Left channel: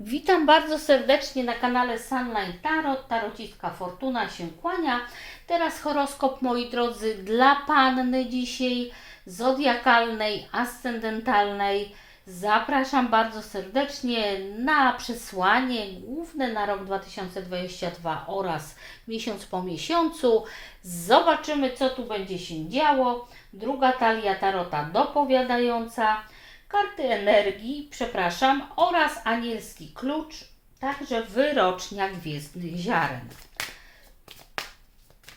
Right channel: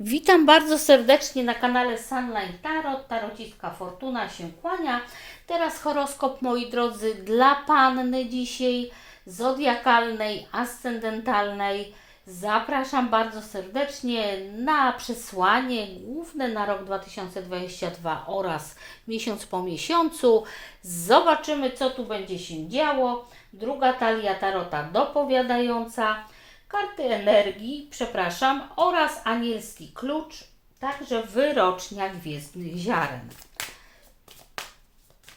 Witam bardzo serdecznie na kanale Sunline Tarot. Tarocistka Fortuna się kłania. Teraz horoskop, moi drodzy, dla panny dzisiaj zodiakalnej, ascendentalnej. Zapraszam bardzo serdecznie na przesłanie główne na rok 2022 oraz miesiąc po miesiącu. Zobaczymy, co tu będzie się działo. Druga talia tarota dopowiadająca karty energii, przepraszam, oraz anielski klucz, także wyrocznia gwiezdnych ziaren.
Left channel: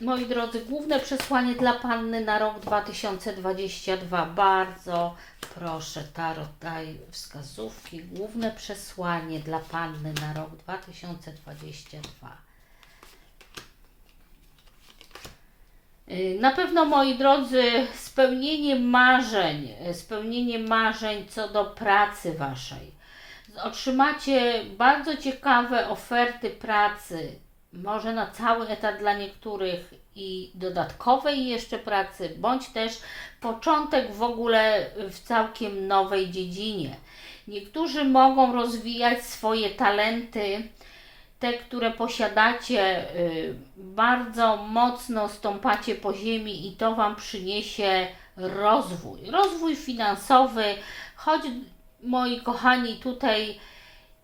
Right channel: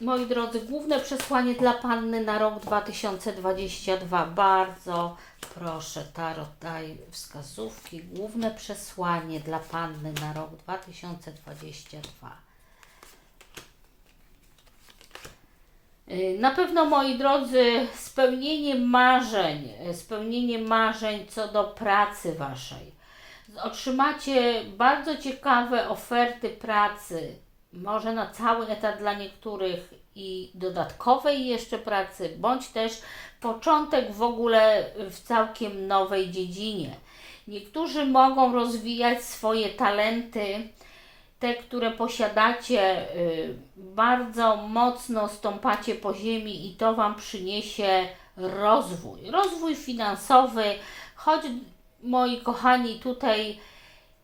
Moi drodzy, główne przesłanie dla Panny na rok 2022. Bardzo proszę, Tarot daj wskazówki. Główne przesłanie dla Panny na rok 2022. Na pewno, moi drodzy, spełnienie marzeń, y, spełnienie marzeń co do pracy waszej. Otrzymacie bardzo ciekawe oferty pracy, może na cały etat dla niektórych i dodatkowej jeszcze pracy, bądź też początek w ogóle w całkiem nowej dziedzinie. Niektórzy mogą rozwijać swoje talenty, te, które posiadacie, y, bardzo mocno stąpacie po ziemi i to Wam przyniesie rozwój. Rozwój finansowy, choć moi kochani, tutaj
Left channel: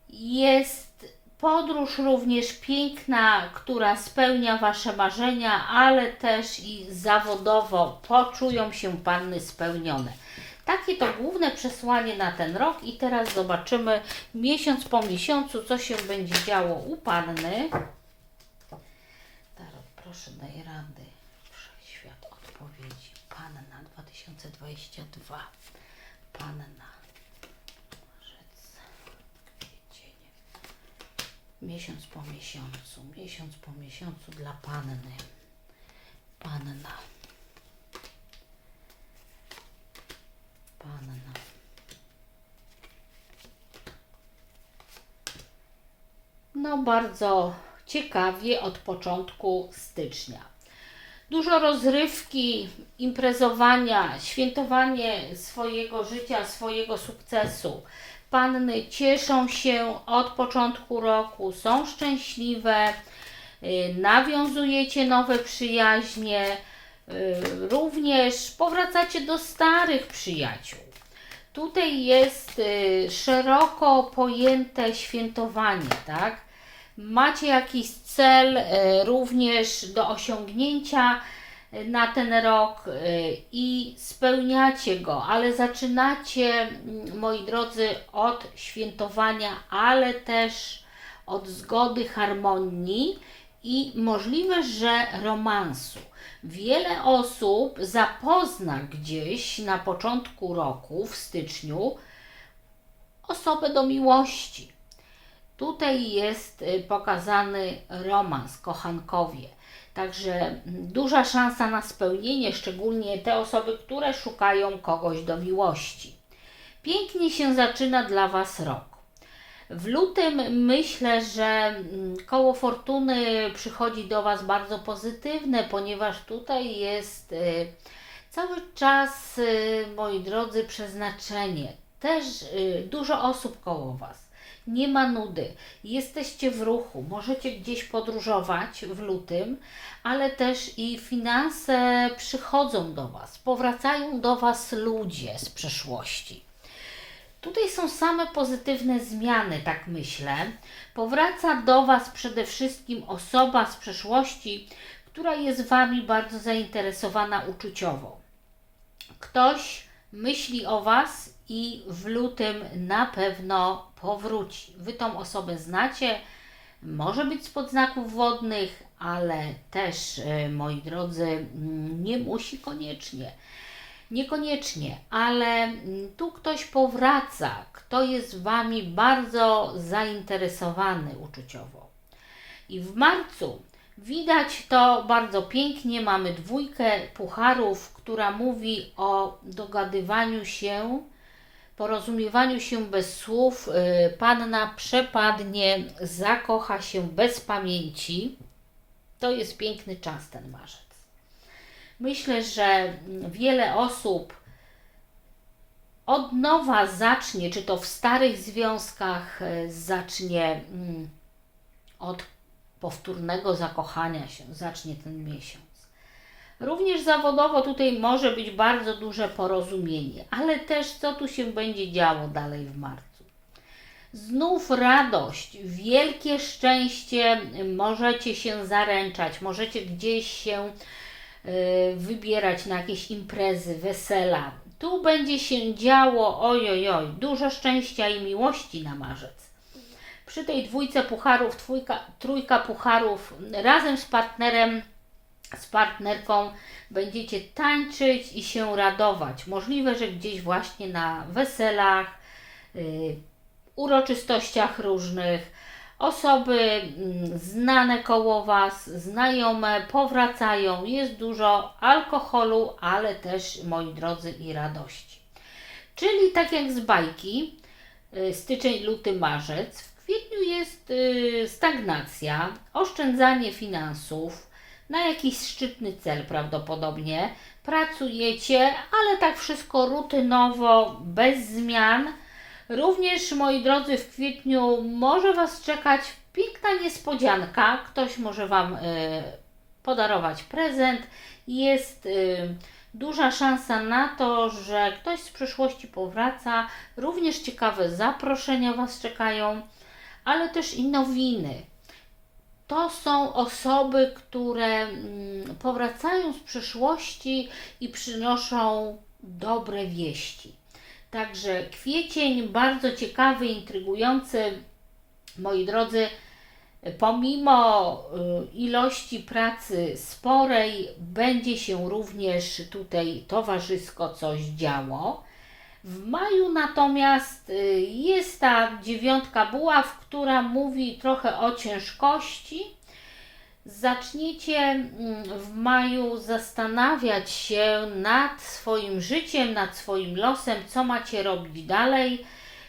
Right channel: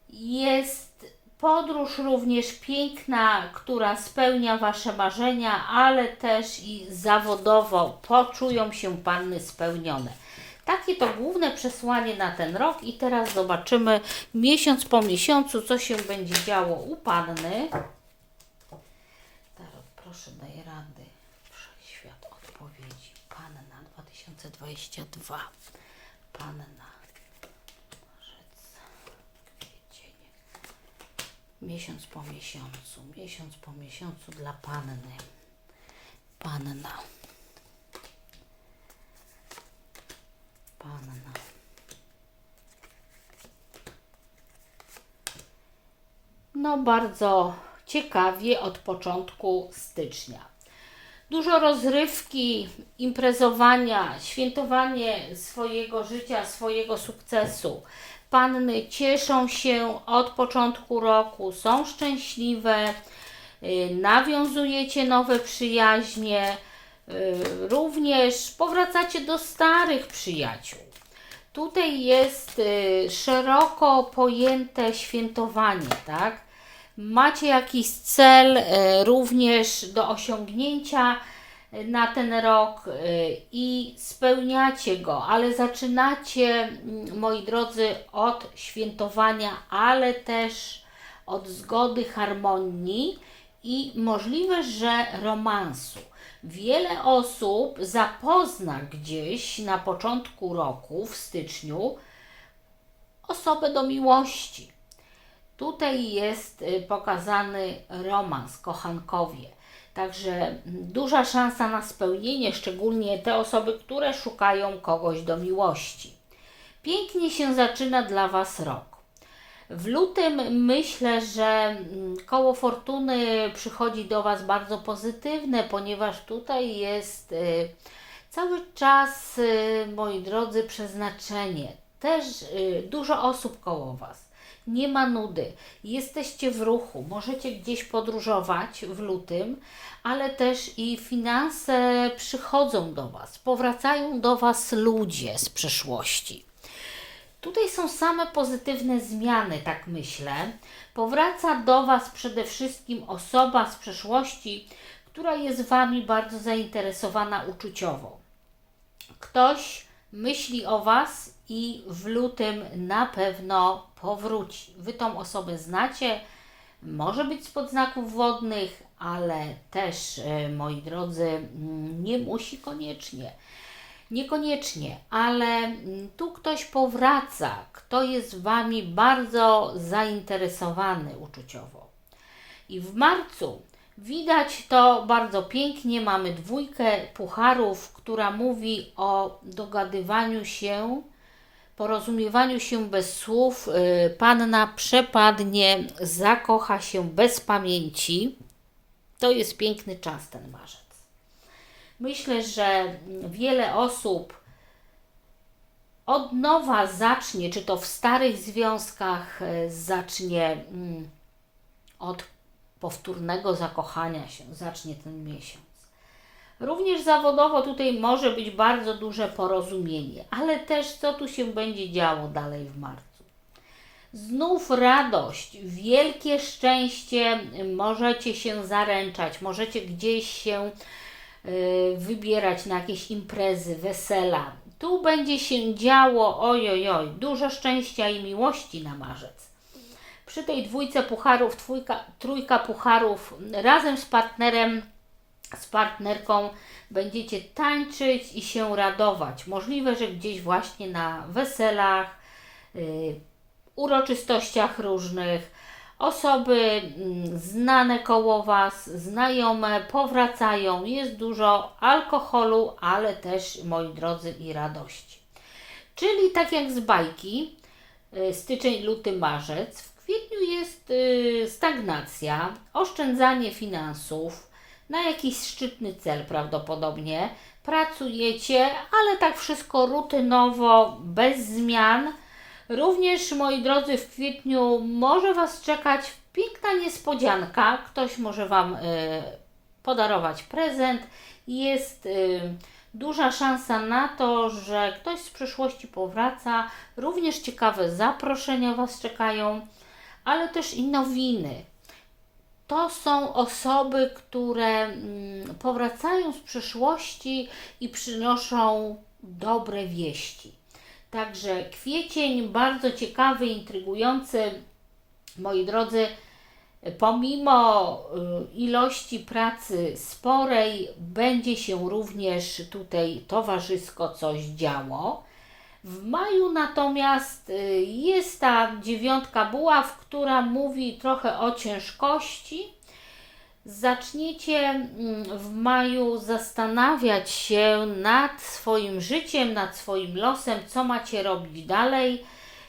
jest podróż również piękna, która spełnia Wasze marzenia, ale też i zawodowo poczują się Panny spełnione. Takie to główne przesłanie na ten rok i teraz zobaczymy miesiąc po miesiącu, co się będzie działo u Panny. Tarot, proszę daj rady. Wszechświat odpowiedzi. Panna 2022. Panna. Miesiąc po miesiącu. Miesiąc po miesiącu dla Panny. Panna. No bardzo ciekawie od początku stycznia. Dużo rozrywki, imprezowania, świętowanie swojego życia, swojego sukcesu. Panny cieszą się od początku roku, są szczęśliwe, y, nawiązujecie nowe przyjaźnie, y, również powracacie do starych przyjaciół. Tutaj jest y, szeroko pojęte świętowanie, tak? Macie jakiś cel y, również do osiągnięcia y, na ten rok y, i spełniacie go, ale zaczynacie, mm, moi drodzy, od świętowania, ale też od zgody, harmonii i możliwe, że romansu. Wiele osób zapozna gdzieś na początku roku, w styczniu, osobę do miłości. Tutaj jest y, pokazany romans, kochankowie. Także duża szansa na spełnienie, szczególnie te osoby, które szukają kogoś do miłości. Pięknie się zaczyna dla Was rok. W lutym myślę, że koło fortuny przychodzi do Was bardzo pozytywne, ponieważ tutaj jest y, cały czas, y, moi drodzy, przeznaczenie. Też dużo osób koło Was. Nie ma nudy. Jesteście w ruchu, możecie gdzieś podróżować w lutym, ale też i finanse przychodzą do Was, powracają do Was ludzie z przeszłości. Tutaj są same pozytywne zmiany, tak myślę. Powraca do Was przede wszystkim osoba z przeszłości, która jest Wami bardzo zainteresowana uczuciowo. Ktoś myśli o Was i w lutym na pewno powróci. Wy tą osobę znacie, może być spod znaków wodnych, ale też, e, moi drodzy, mm, nie musi koniecznie. Niekoniecznie, ale mm, tu ktoś powraca, kto jest Wami bardzo zainteresowany uczuciowo. I w marcu widać to bardzo pięknie. Mamy dwójkę pucharów, która mówi o dogadywaniu się, porozumiewaniu się bez słów. Y, Panna przepadnie, zakocha się bez pamięci. To jest piękny czas ten marzec. Myślę, że wiele osób od nowa zacznie, czy to w starych związkach e, zacznie mm, od powtórnego zakochania się, zacznie ten miesiąc. Również zawodowo tutaj może być bardzo duże porozumienie, ale też co tu się będzie działo dalej w marcu. Znów radość, wielkie szczęście, możecie się zaręczać, możecie gdzieś się y, wybierać na jakieś imprezy, wesela. Tu będzie się działo, ojojoj, dużo szczęścia i miłości na marzec. Przy tej dwójce pucharów, trójka, trójka pucharów, razem z partnerem, z partnerką będziecie tańczyć i się radować. Możliwe, że gdzieś właśnie na weselach, y, uroczystościach różnych. Osoby mm, znane koło Was, znajome powracają. Jest dużo alkoholu, ale też, moi drodzy, i radości. Czyli tak jak z bajki, y, styczeń, luty, marzec, w kwietniu jest y, stagnacja, oszczędzanie finansów na jakiś szczytny cel prawdopodobnie. Pracujecie, ale tak wszystko rutynowo, bez zmian Również, moi drodzy, w kwietniu może Was czekać piękna niespodzianka. Ktoś może Wam y, podarować prezent. Jest y, duża szansa na to, że ktoś z przyszłości powraca. Również ciekawe zaproszenia Was czekają, ale też i nowiny. To są osoby, które mm, powracają z przyszłości i przynoszą dobre wieści. Także kwiecień bardzo ciekawy, intrygujący. Moi drodzy, pomimo y, ilości pracy sporej, będzie się również tutaj towarzysko coś działo. W maju natomiast y, jest ta dziewiątka buław, która mówi trochę o ciężkości, zaczniecie mm, w maju zastanawiać się nad swoim życiem, nad swoim losem, co macie robić dalej.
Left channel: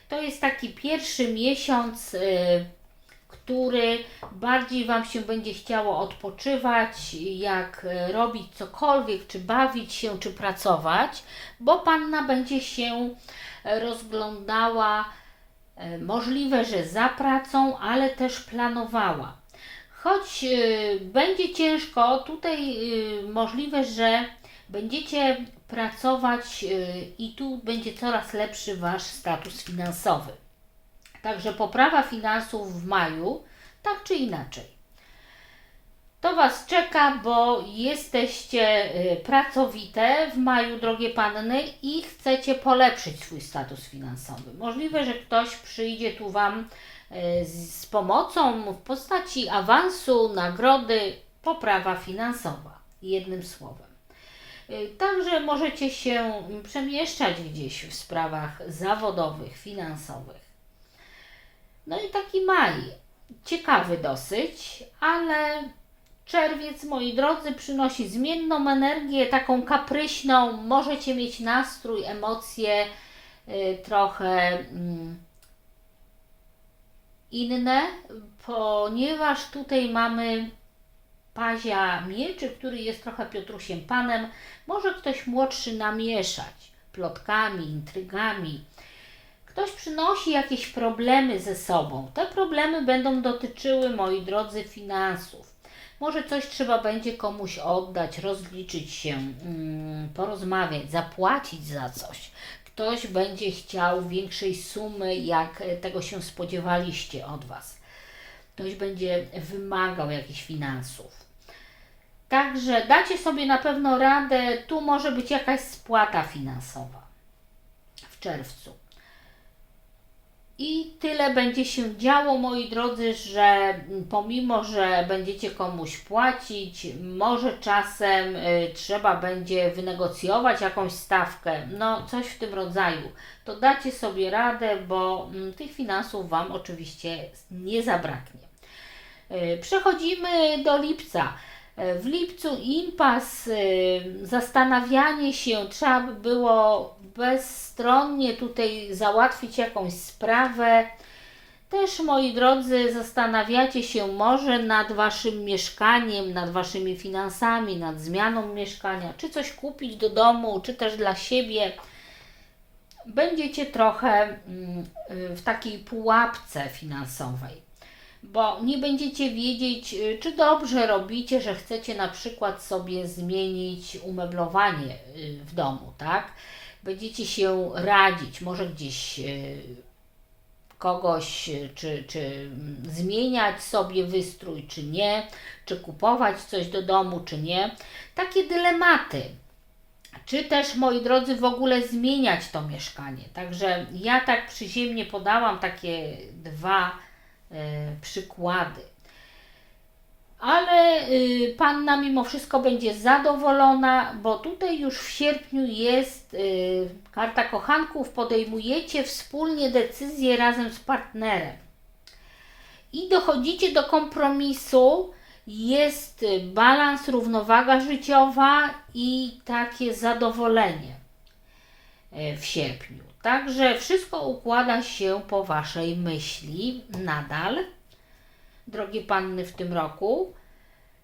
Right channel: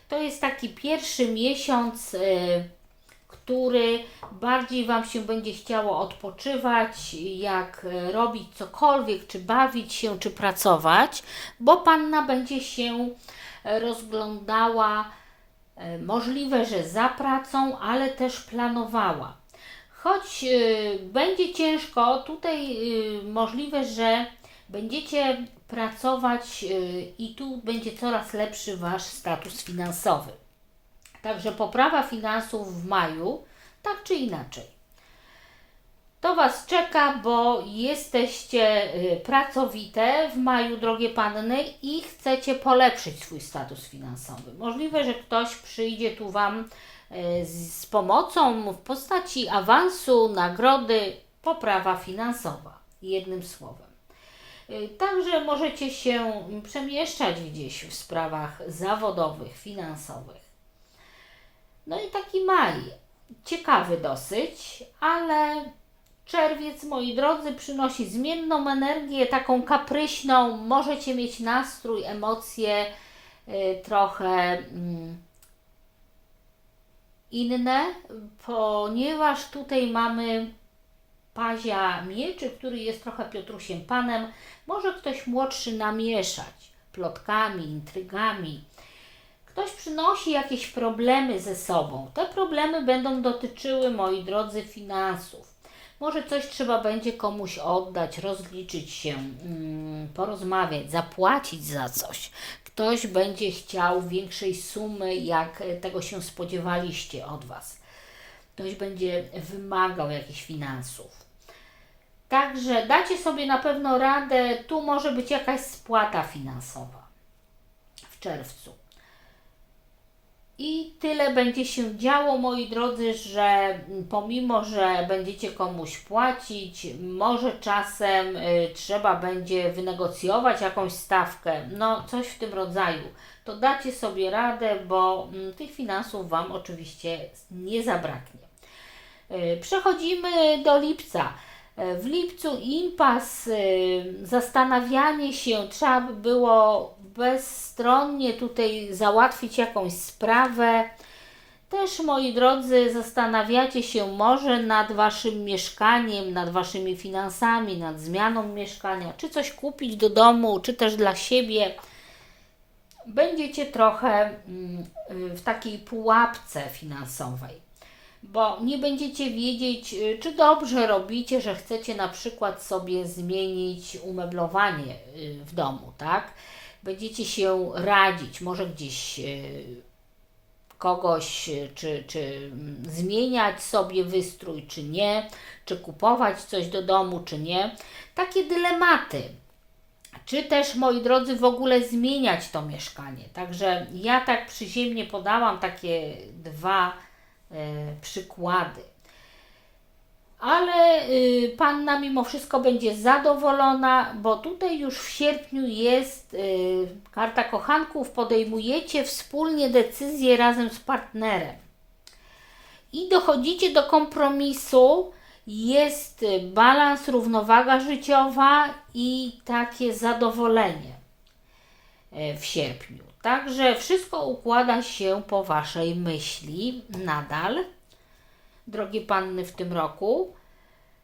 To jest taki pierwszy miesiąc, y, który bardziej Wam się będzie chciało odpoczywać, jak y, robić cokolwiek, czy bawić się, czy pracować, bo Panna będzie się rozglądała, y, możliwe, że za pracą, ale też planowała Choć y, będzie ciężko, tutaj możliwe, że będziecie pracować i tu będzie coraz lepszy Wasz status finansowy. Także poprawa finansów w maju, tak czy inaczej. To Was czeka, bo jesteście pracowite w maju, drogie panny, i chcecie polepszyć swój status finansowy. Możliwe, że ktoś przyjdzie tu Wam E, z pomocą w postaci awansu, nagrody, poprawa finansowa, jednym słowem. E, także możecie się przemieszczać gdzieś w sprawach zawodowych, finansowych. No i taki maj, ciekawy dosyć, ale czerwiec, moi drodzy, przynosi zmienną energię, taką kapryśną. Możecie mieć nastrój, emocje y, trochę. Y, inne, ponieważ tutaj mamy pazia mieczy, który jest trochę Piotrusiem Panem. Może ktoś młodszy namieszać plotkami, intrygami. Ktoś przynosi jakieś problemy ze sobą. Te problemy będą dotyczyły, moi drodzy, finansów. Może coś trzeba będzie komuś oddać, rozliczyć się, mm, porozmawiać, zapłacić za coś ktoś będzie chciał większej sumy, jak tego się spodziewaliście od Was. Ktoś będzie wymagał jakichś finansów. Także dacie sobie na pewno radę, tu może być jakaś spłata finansowa w czerwcu. I tyle będzie się działo, moi drodzy, że pomimo, że będziecie komuś płacić, może czasem y, trzeba będzie wynegocjować jakąś stawkę, no coś w tym rodzaju, to dacie sobie radę, bo y, tych finansów Wam oczywiście nie zabraknie. Y, przechodzimy do lipca. W lipcu impas, y, zastanawianie się, trzeba by było bezstronnie tutaj załatwić jakąś sprawę. Też, moi drodzy, zastanawiacie się może nad Waszym mieszkaniem, nad Waszymi finansami, nad zmianą mieszkania, czy coś kupić do domu, czy też dla siebie. będziecie trochę mm, y, w takiej pułapce finansowej bo nie będziecie wiedzieć, y, czy dobrze robicie, że chcecie na przykład sobie zmienić umeblowanie y, w domu, tak? Będziecie się radzić, może gdzieś y, kogoś, y, czy, czy mm, zmieniać sobie wystrój, czy nie, czy kupować coś do domu, czy nie. Takie dylematy. Czy też, moi drodzy, w ogóle zmieniać to mieszkanie. Także ja tak przyziemnie podałam takie dwa e, przykłady. Ale y, panna mimo wszystko będzie zadowolona, bo tutaj już w sierpniu jest y, karta kochanków, podejmujecie wspólnie decyzję razem z partnerem i dochodzicie do kompromisu. Jest y, balans, równowaga życiowa i takie zadowolenie w sierpniu. Także wszystko układa się po Waszej myśli nadal drogie panny, w tym roku.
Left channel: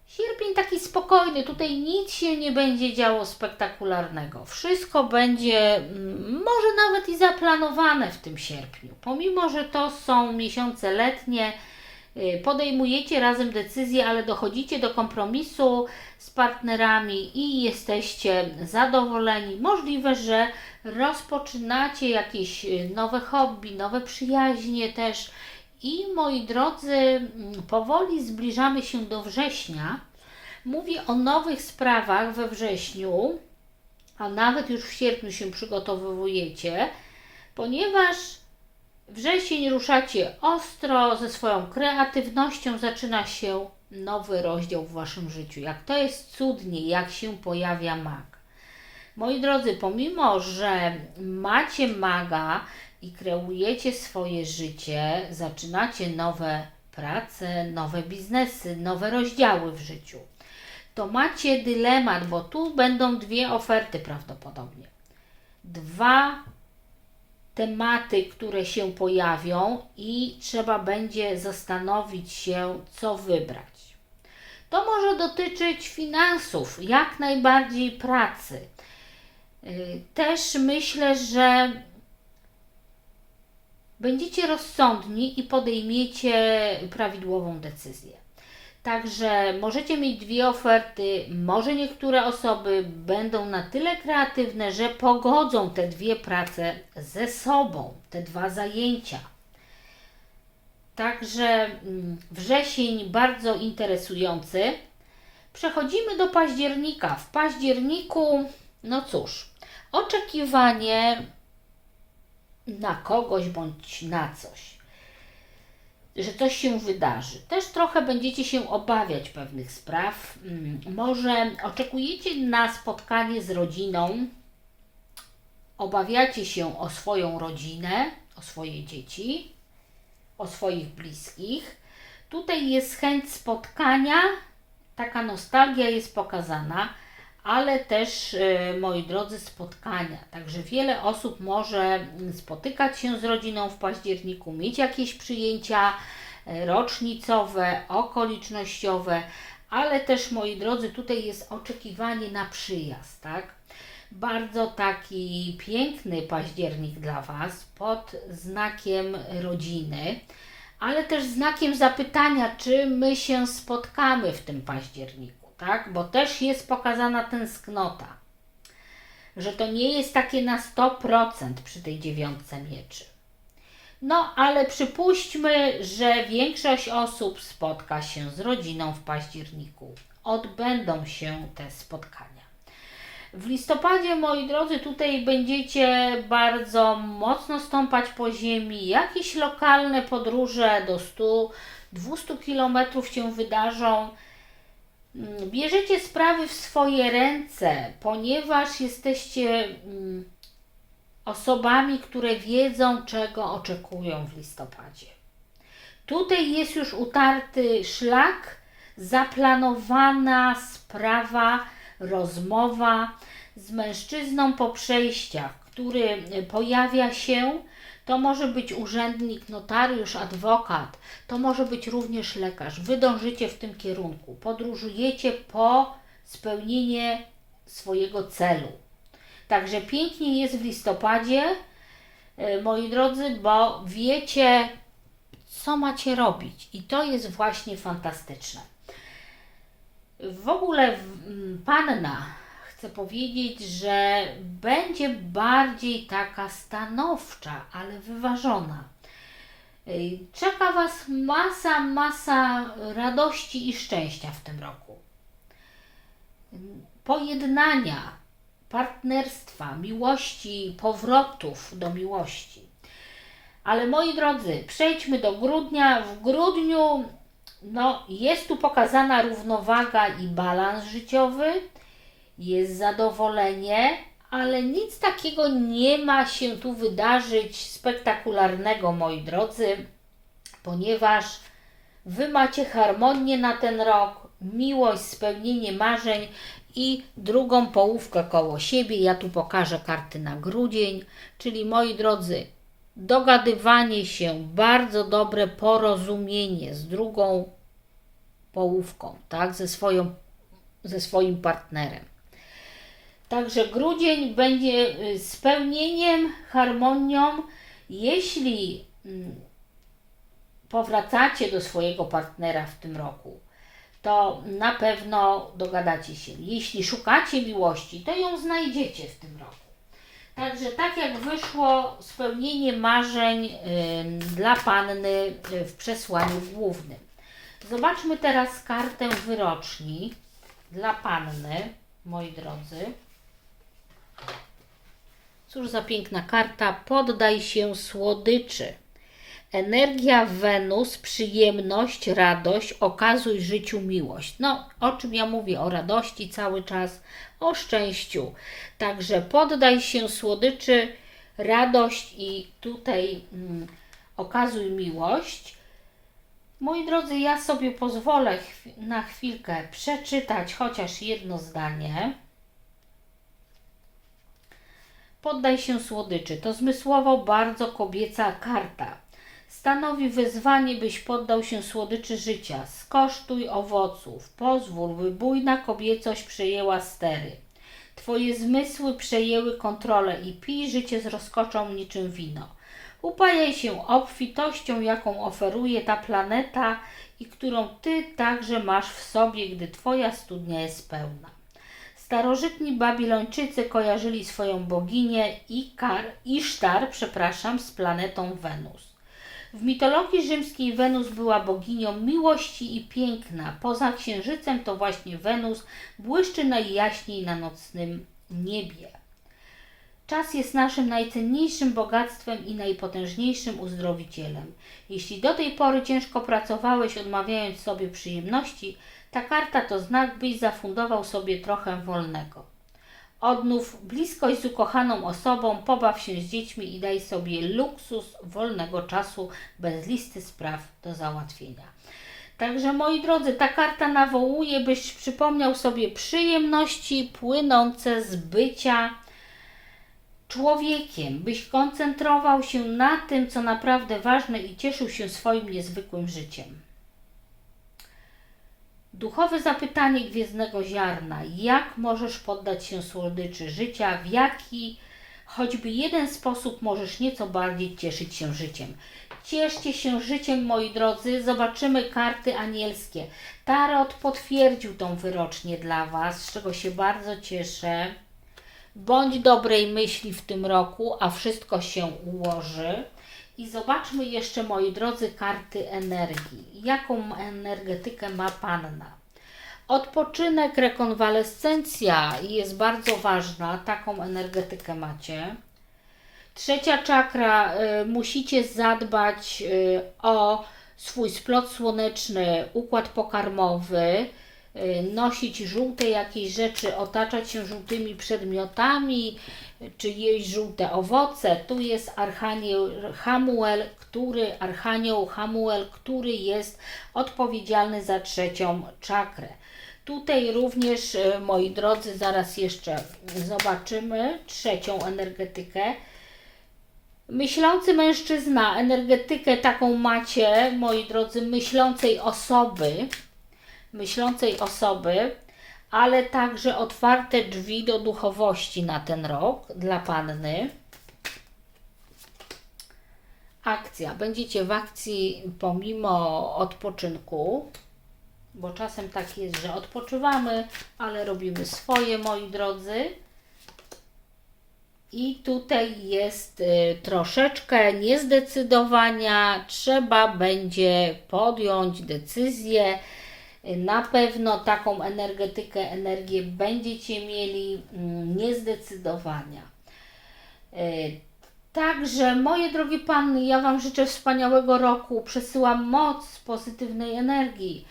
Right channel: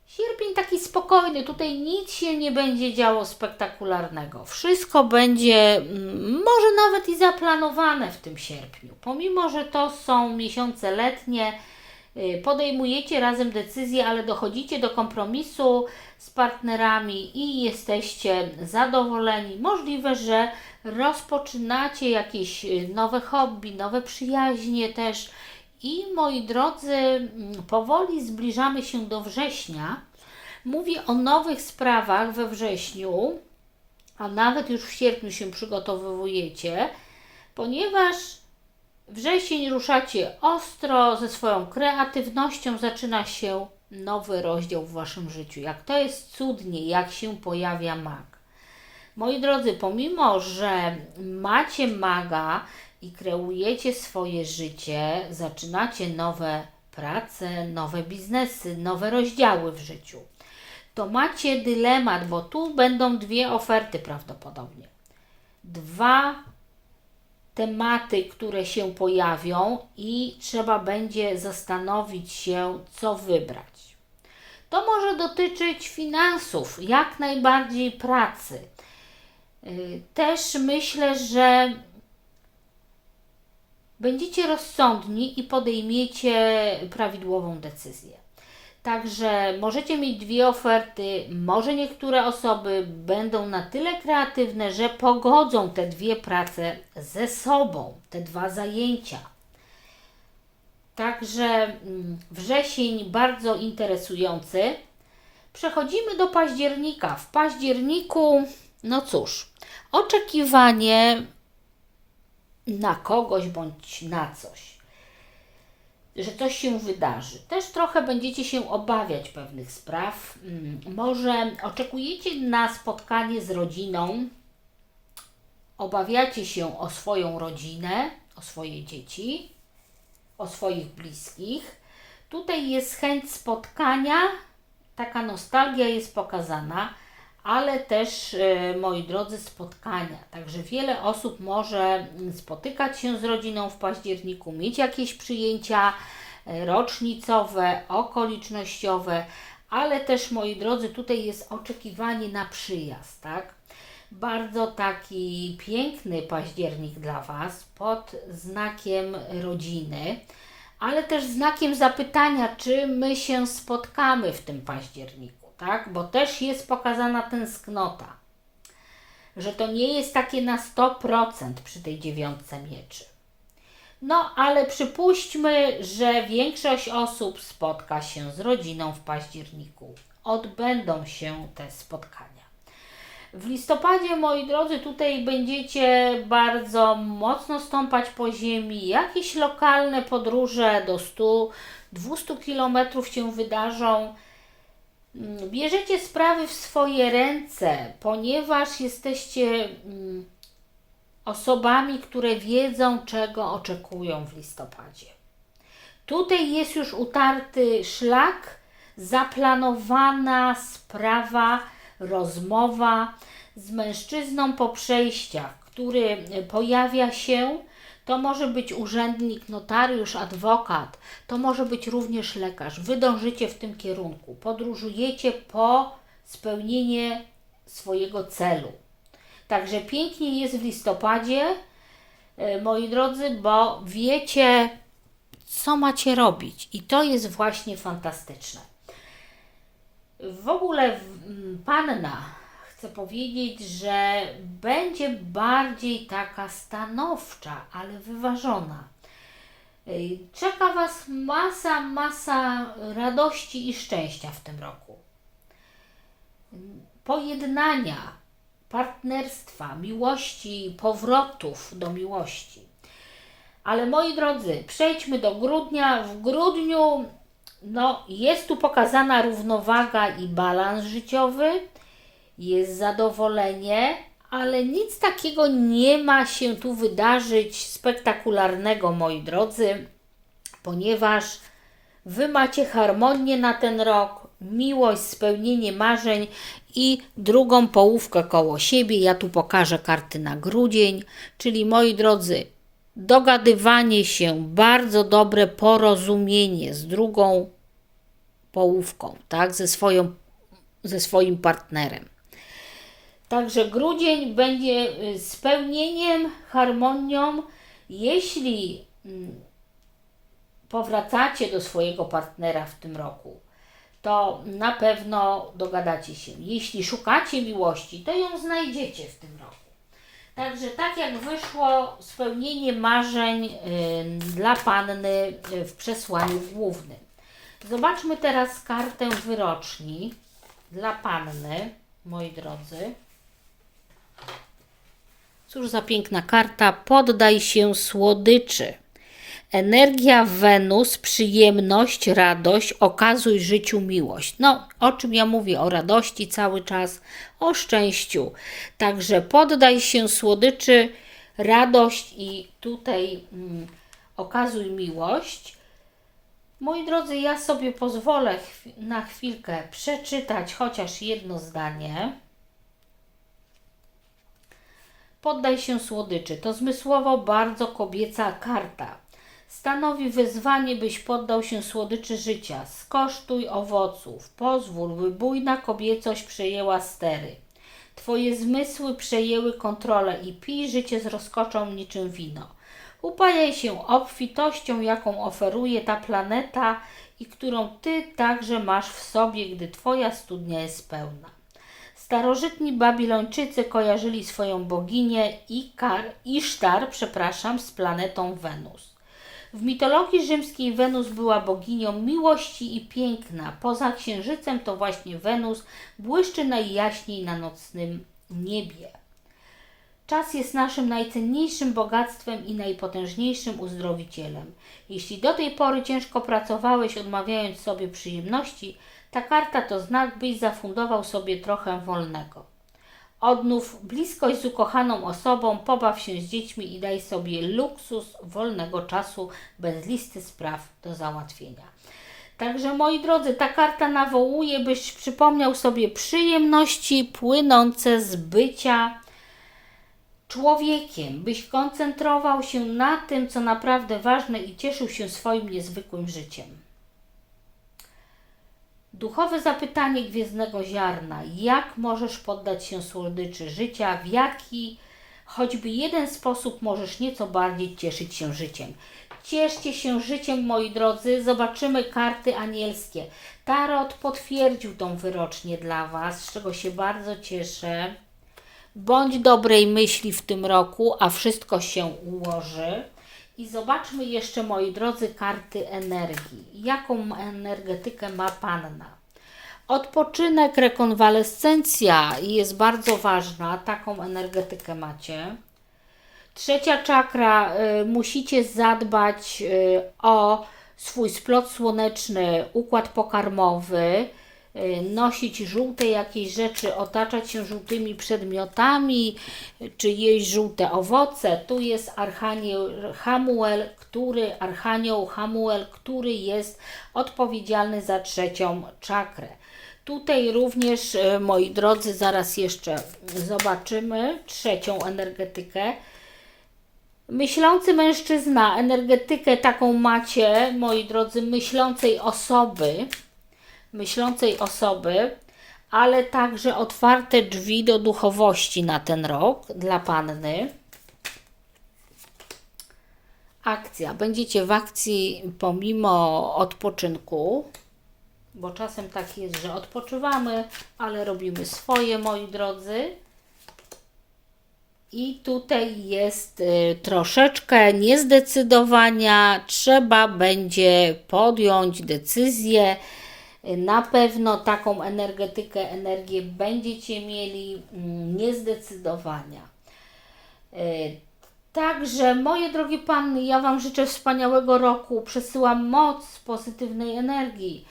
Sierpień taki spokojny, tutaj nic się nie będzie działo spektakularnego. Wszystko będzie mm, może nawet i zaplanowane w tym sierpniu. Pomimo, że to są miesiące letnie, y, podejmujecie razem decyzje, ale dochodzicie do kompromisu z partnerami i jesteście zadowoleni. Możliwe, że rozpoczynacie jakieś y, nowe hobby, nowe przyjaźnie też i moi drodzy, mm, powoli zbliżamy się do września. Mówię o nowych sprawach we wrześniu, a nawet już w sierpniu się przygotowujecie, ponieważ wrzesień ruszacie ostro, ze swoją kreatywnością zaczyna się nowy rozdział w Waszym życiu. Jak to jest cudnie, jak się pojawia mag. Moi drodzy, pomimo, że macie maga, i kreujecie swoje życie, zaczynacie nowe prace, nowe biznesy, nowe rozdziały w życiu, to macie dylemat, bo tu będą dwie oferty prawdopodobnie. Dwa tematy, które się pojawią i trzeba będzie zastanowić się, co wybrać. To może dotyczyć finansów, jak najbardziej pracy. Y, też myślę, że będziecie rozsądni i podejmiecie prawidłową decyzję. Także możecie mieć dwie oferty. Może niektóre osoby będą na tyle kreatywne, że pogodzą te dwie prace ze sobą, te dwa zajęcia. Także mm, wrzesień bardzo interesujący. Przechodzimy do października. W październiku, no cóż, oczekiwanie na kogoś bądź na coś, że coś się wydarzy. Też trochę będziecie się obawiać pewnych spraw. Mm, Może oczekujecie na spotkanie z rodziną, obawiacie się o swoją rodzinę, o swoje dzieci, o swoich bliskich. Tutaj jest chęć spotkania, taka nostalgia jest pokazana ale też, e, moi drodzy, spotkania. Także wiele osób może spotykać się z rodziną w październiku, mieć jakieś przyjęcia e, rocznicowe, okolicznościowe, ale też, moi drodzy, tutaj jest oczekiwanie na przyjazd, tak? Bardzo taki piękny październik dla Was pod znakiem rodziny, ale też znakiem zapytania, czy my się spotkamy w tym październiku tak? Bo też jest pokazana tęsknota, że to nie jest takie na 100% przy tej dziewiątce mieczy. No, ale przypuśćmy, że większość osób spotka się z rodziną w październiku. Odbędą się te spotkania. W listopadzie, moi drodzy, tutaj będziecie bardzo mocno stąpać po ziemi. Jakieś lokalne podróże do 100-200 km się wydarzą bierzecie sprawy w swoje ręce, ponieważ jesteście mm, osobami, które wiedzą, czego oczekują w listopadzie. Tutaj jest już utarty szlak, zaplanowana sprawa, rozmowa z mężczyzną po przejściach, który pojawia się to może być urzędnik, notariusz, adwokat, to może być również lekarz. Wy dążycie w tym kierunku, podróżujecie po spełnienie swojego celu. Także pięknie jest w listopadzie, e, moi drodzy, bo wiecie, co macie robić. I to jest właśnie fantastyczne. W ogóle panna chcę powiedzieć, że będzie bardziej taka stanowcza, ale wyważona. Czeka Was masa, masa radości i szczęścia w tym roku. Pojednania, partnerstwa, miłości, powrotów do miłości. Ale moi drodzy, przejdźmy do grudnia. W grudniu no, jest tu pokazana równowaga i balans życiowy, jest zadowolenie, ale nic takiego nie ma się tu wydarzyć spektakularnego, moi drodzy, ponieważ Wy macie harmonię na ten rok, miłość, spełnienie marzeń i drugą połówkę koło siebie. Ja tu pokażę karty na grudzień, czyli moi drodzy, dogadywanie się, bardzo dobre porozumienie z drugą połówką, tak, ze, swoją, ze swoim partnerem. Także grudzień będzie y, spełnieniem, harmonią. Jeśli mm, powracacie do swojego partnera w tym roku, to na pewno dogadacie się. Jeśli szukacie miłości, to ją znajdziecie w tym roku. Także tak jak wyszło spełnienie marzeń y, dla panny y, w przesłaniu głównym. Zobaczmy teraz kartę wyroczni dla panny, moi drodzy. Cóż za piękna karta. Poddaj się słodyczy. Energia Wenus, przyjemność, radość, okazuj życiu miłość. No, o czym ja mówię? O radości cały czas, o szczęściu. Także poddaj się słodyczy, radość i tutaj mm, okazuj miłość. Moi drodzy, ja sobie pozwolę na chwilkę przeczytać chociaż jedno zdanie. Poddaj się słodyczy. To zmysłowo bardzo kobieca karta. Stanowi wyzwanie, byś poddał się słodyczy życia. Skosztuj owoców. Pozwól, by bujna kobiecość przejęła stery. Twoje zmysły przejęły kontrolę i pij życie z rozkoczą niczym wino. Upajaj się obfitością, jaką oferuje ta planeta i którą ty także masz w sobie, gdy twoja studnia jest pełna. Starożytni Babilończycy kojarzyli swoją boginię Ikar, Isztar, przepraszam, z planetą Wenus. W mitologii rzymskiej Wenus była boginią miłości i piękna. Poza księżycem to właśnie Wenus błyszczy najjaśniej na nocnym niebie. Czas jest naszym najcenniejszym bogactwem i najpotężniejszym uzdrowicielem. Jeśli do tej pory ciężko pracowałeś, odmawiając sobie przyjemności, ta karta to znak, byś zafundował sobie trochę wolnego. Odnów bliskość z ukochaną osobą, pobaw się z dziećmi i daj sobie luksus wolnego czasu bez listy spraw do załatwienia. Także moi drodzy, ta karta nawołuje, byś przypomniał sobie przyjemności płynące z bycia człowiekiem, byś koncentrował się na tym, co naprawdę ważne i cieszył się swoim niezwykłym życiem. Duchowe zapytanie gwiezdnego ziarna: jak możesz poddać się słodyczy życia, w jaki choćby jeden sposób możesz nieco bardziej cieszyć się życiem? Cieszcie się życiem, moi drodzy. Zobaczymy karty anielskie. Tarot potwierdził tą wyrocznię dla Was, z czego się bardzo cieszę. Bądź dobrej myśli w tym roku, a wszystko się ułoży. I zobaczmy jeszcze, moi drodzy, karty energii. Jaką energetykę ma Panna? Odpoczynek, rekonwalescencja jest bardzo ważna. Taką energetykę macie. Trzecia czakra, y, musicie zadbać y, o swój splot słoneczny, układ pokarmowy, nosić żółte jakieś rzeczy, otaczać się żółtymi przedmiotami, y, czy jeść żółte owoce. Tu jest Archanioł Hamuel, który, Archanioł Hamuel, który jest odpowiedzialny za trzecią czakrę. Tutaj również, y, moi drodzy, zaraz jeszcze zobaczymy trzecią energetykę. Myślący mężczyzna, energetykę taką macie, moi drodzy, myślącej osoby, myślącej osoby, ale także otwarte drzwi do duchowości na ten rok dla panny. Akcja. Będziecie w akcji pomimo odpoczynku, bo czasem tak jest, że odpoczywamy, ale robimy swoje, moi drodzy. I tutaj jest y, troszeczkę niezdecydowania. Trzeba będzie podjąć decyzję. Na pewno taką energetykę, energię będziecie mieli mm, niezdecydowania. Y, Także, moje drogie panny, ja Wam życzę wspaniałego roku. Przesyłam moc pozytywnej energii.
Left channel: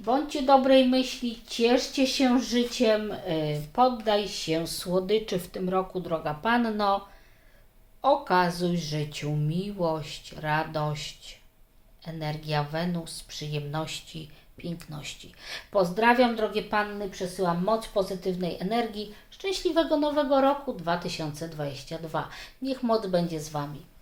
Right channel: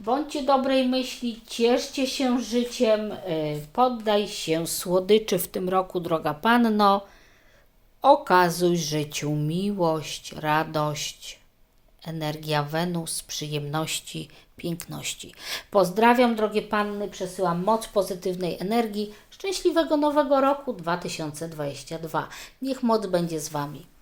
Bądźcie dobrej myśli, cieszcie się życiem, y, poddaj się słodyczy w tym roku, droga panno. Okazuj życiu miłość, radość, energia Wenus, przyjemności, piękności. Pozdrawiam, drogie panny, przesyłam moc pozytywnej energii. Szczęśliwego nowego roku 2022. Niech moc będzie z Wami.